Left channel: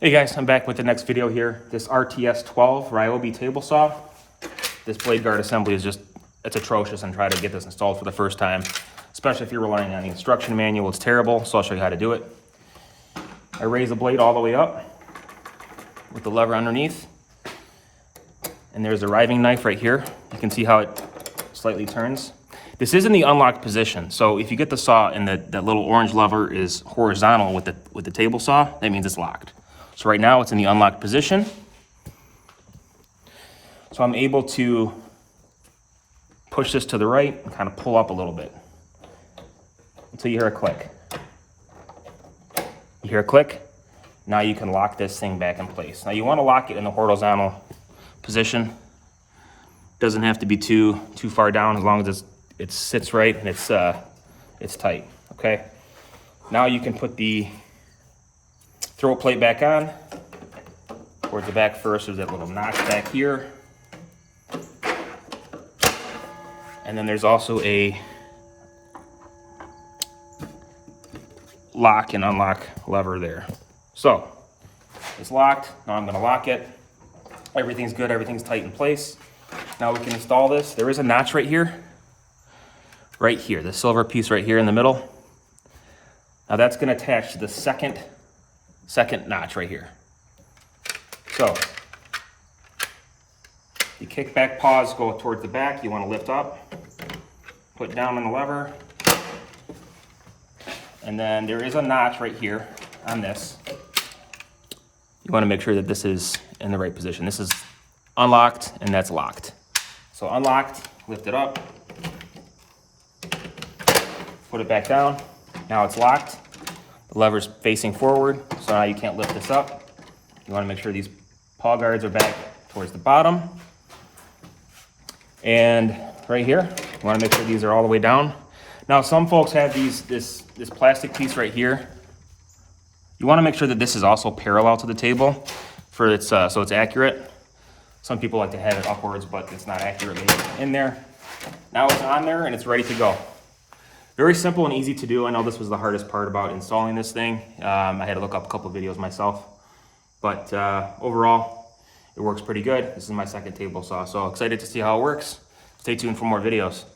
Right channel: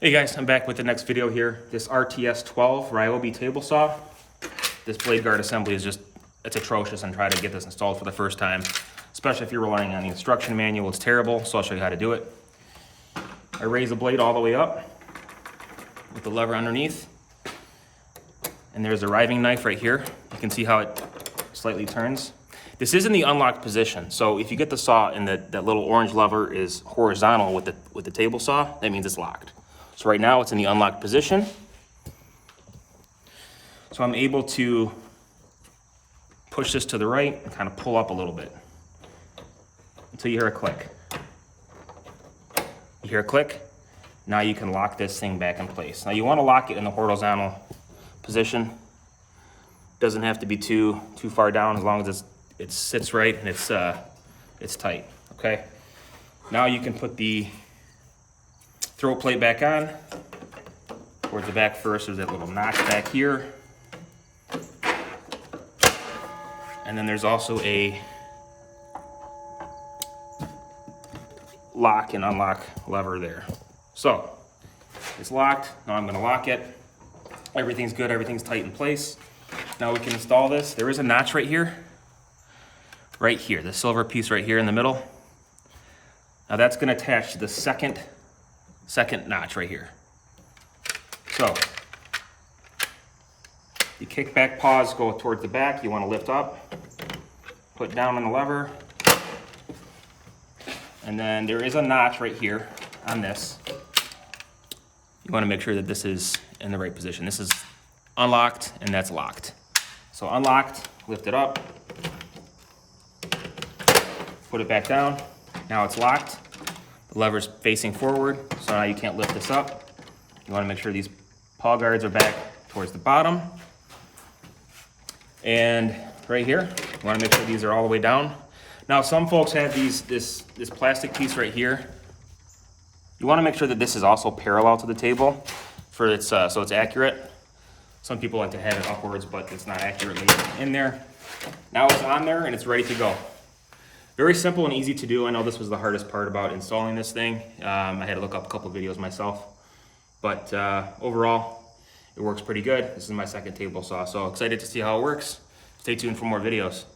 Hey guys, I'm back with the next video here. This RTS 12 Ryobi table saw. This blade guard assembly is just, it's atrocious, and try to get this installed for the first time. Especially if you're relying on the instruction manual, it's terrible, so I'll show you how to do it. I raise the blade all the way up with the lever underneath. And there's a riving knife right here. You can see how it slightly turns. This is in the unlocked position, so if you get the saw and the little orange lever is horizontal with the table saw, that means it's locked. So right now it's in the unlocked position. So I'm able to push this to the right and kind of pull up a little bit until you hear a click. You hear a click, now you can lock this thing back in place. Now you want to lock it in the horizontal position. Doesn't have to be too far down, as long as it sits right and it's tight, okay? Now you can put the throw plate back on. Towards the back first, there's that little notch back here. And then there's also a lock and unlock lever there. So, it's locked. Now I'm gonna lock it. Everything's good, everything's tight in place. Now we can install this. There is a notch right here. Right here, the silver piece right here in the middle. Now that's gonna attach to the second notch right here. So, you kick back, pause, go towards the back. You want to lift up, put down on the lever, and then there is a notch right here on this. You want to make sure that this is in the right position. This is unlocked and that's locked. So unlocked, lift it up, put it back down. Now it's locked. The lever's facing forward, so now you can't lift this up. You want to make sure these paw guards are back towards the bottom. And right here, you want to make sure these are all the way down. Now some folks have this plastic piece right here. You want to make sure that this is also parallel to the table for its so it's accurate. Some people like to have it upwards, but it's not accurately in there. Now it's on there and it's ready to go. Very simple and easy to do. I know this was the hardest part about installing this thing. I had to look up a couple of videos myself, but overall, it works pretty good. This is my second table saw, so excited to see how it works. Stay tuned for more videos.